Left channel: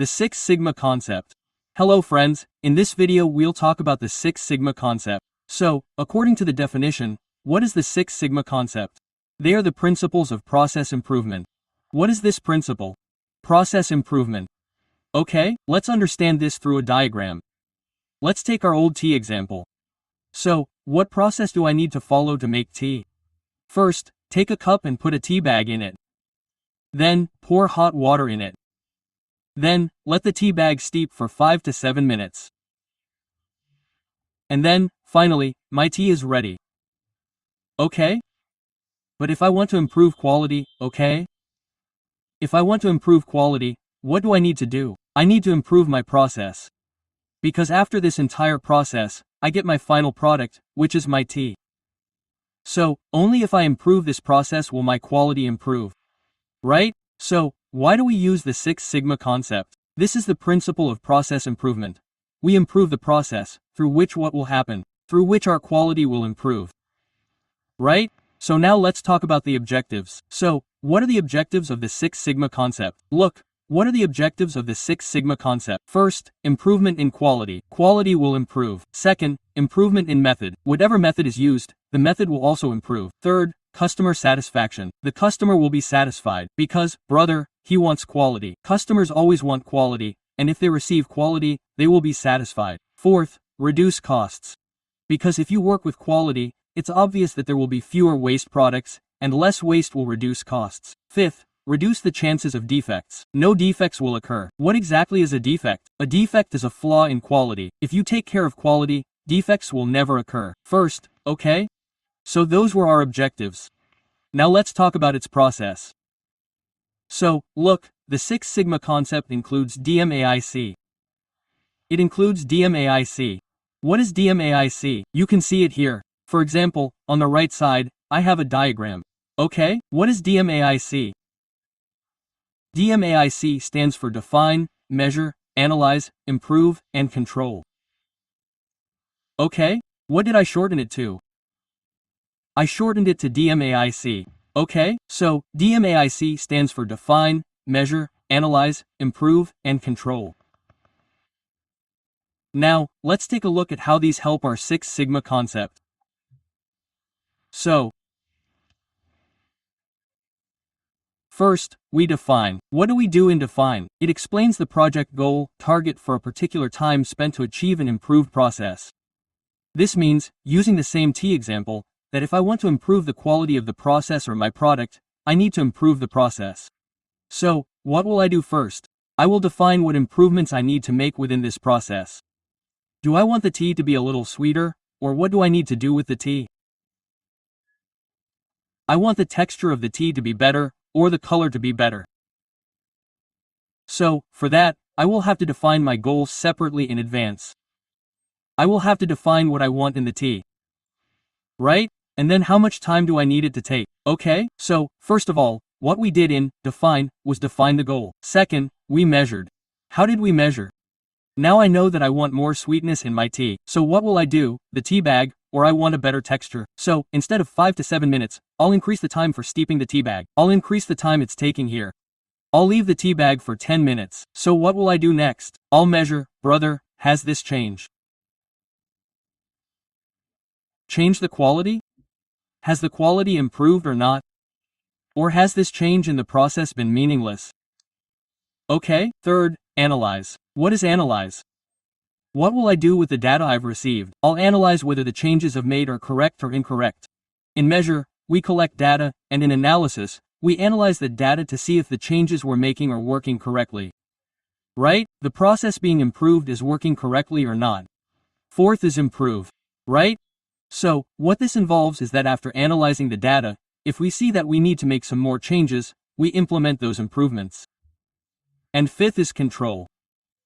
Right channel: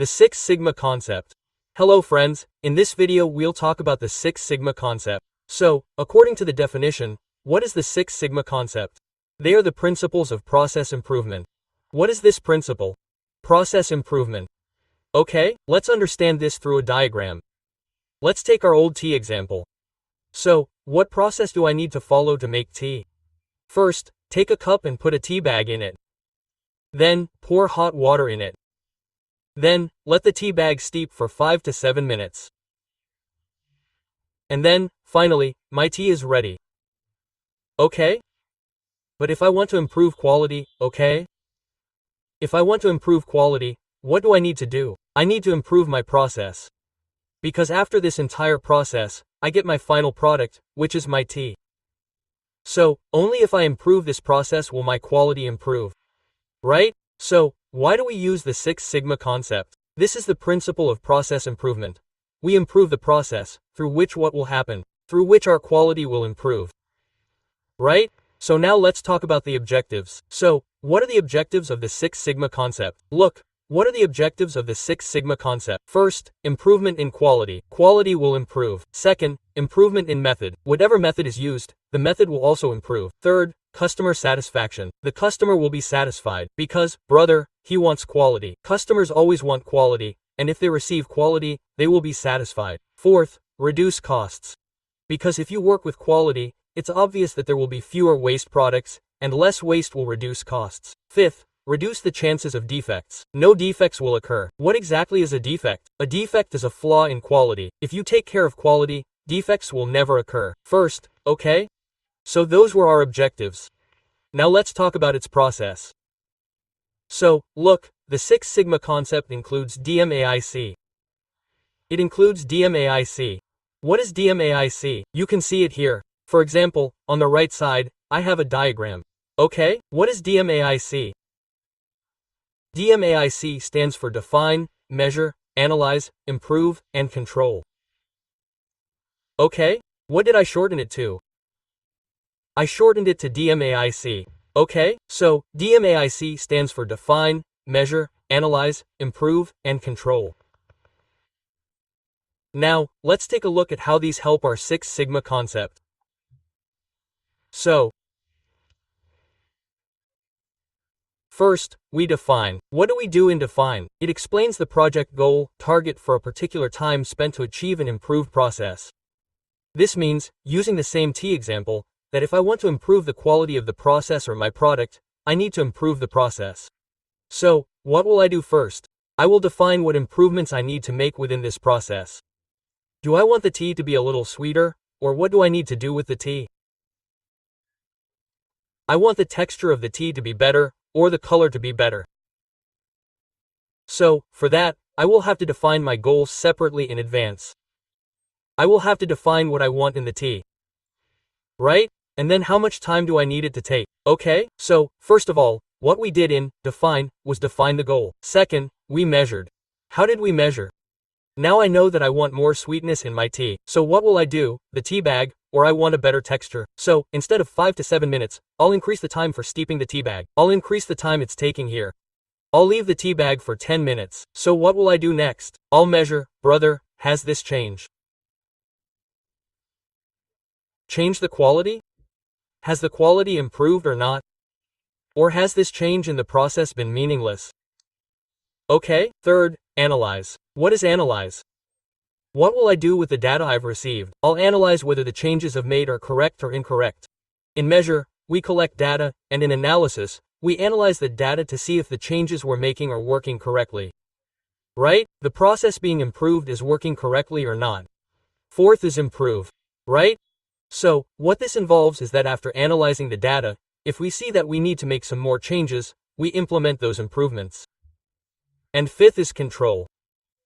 The Six Sigma concept. Hello friends, in this video we'll talk about the Six Sigma concept. So, according to the definition, what is the Six Sigma concept? They are the principles of process improvement. What is this principle? Process improvement. Okay, let's understand this through a diagram. Let's take our old tea example. So, what process do I need to follow to make tea? First, take a cup and put a tea bag in it. Then, pour hot water in it. Then, let the tea bag steep for 5 to 7 minutes. And then, finally, my tea is ready. Okay? But if I want to improve quality, okay? If I want to improve quality, what do I need to do? I need to improve my process. Because after this entire process, I get my final product, which is my tea. So, only if I improve this process will my quality improve. Right? So, why do we use the Six Sigma concept? This is the principle of process improvement. We improve the process, through which what will happen, through which our quality will improve. Right? So now let's talk about the objectives. So, what are the objectives of the Six Sigma concept? Look, what are the objectives of the Six Sigma concept? First, improvement in quality. Quality will improve. Second, improvement in method. Whatever method is used, the method will also improve. Third, customer satisfaction. The customer will be satisfied because, brother, he wants quality. Customers always want quality, and if they receive quality, they will be satisfied. Fourth, reduce costs. Because if you work with quality, it's obvious that there will be fewer waste products, and less waste will reduce costs. Fifth, reduce the chances of defects. No defects will occur. What exactly is a defect? A defect is a flaw in quality. If you take care of quality, defects will never occur. First, okay? So those were our objectives. Now let's talk about its process. So, look, the Six Sigma concept includes DMAIC. It includes DMAIC. What is DMAIC? You can see it here. For example, on the right side, I have a diagram. Okay, what is DMAIC? DMAIC stands for Define, Measure, Analyze, Improve, and Control. Okay, what did I shorten it to? I shortened it to DMAIC. Okay, so DMAIC stands for Define, Measure, Analyze, Improve, and Control. Now, let's take a look at how these help our Six Sigma concept. So, first, we define. What do we do in define? It explains the project goal, target for a particular time spent to achieve an improved process. This means, using the same tea example, that if I want to improve the quality of the process or my product, I need to improve the process. So, what will I do first? I will define what improvements I need to make within this process. Do I want the tea to be a little sweeter, or what do I need to do with the tea? I want the texture of the tea to be better, or the color to be better. So, for that, I will have to define my goals separately in advance. I will have to define what I want in the tea. Right? And then how much time do I need it to take? Okay, so, first of all, what we did in define was define the goal. Second, we measured. How did we measure? Now I know that I want more sweetness in my tea. So what will I do? The tea bag, or I want a better texture. So, instead of 5 to 7 minutes, I'll increase the time for steeping the tea bag. I'll increase the time it's taking here. I'll leave the tea bag for 10 minutes. So what will I do next? I'll measure, brother, has this changed? Change the quality? Has the quality improved or not? Or has this change in the process been meaningless? Okay, third, analyze. What is analyze? What will I do with the data I've received? I'll analyze whether the changes I've made are correct or incorrect. In measure, we collect data, and in analysis, we analyze the data to see if the changes we're making are working correctly. Right? The process being improved is working correctly or not. Fourth is improve. Right? So, what this involves is that after analyzing the data, if we see that we need to make some more changes, we implement those improvements. And fifth is control.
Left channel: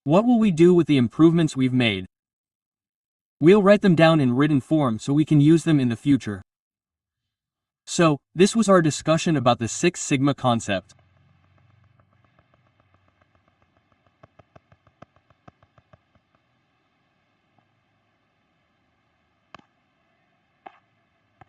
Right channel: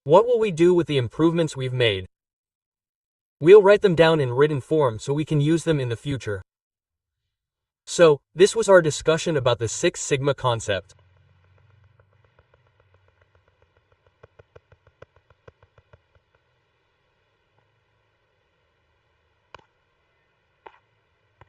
What will we do with the improvements we've made? We'll write them down in written form so we can use them in the future. So, this was our discussion about the Six Sigma concept.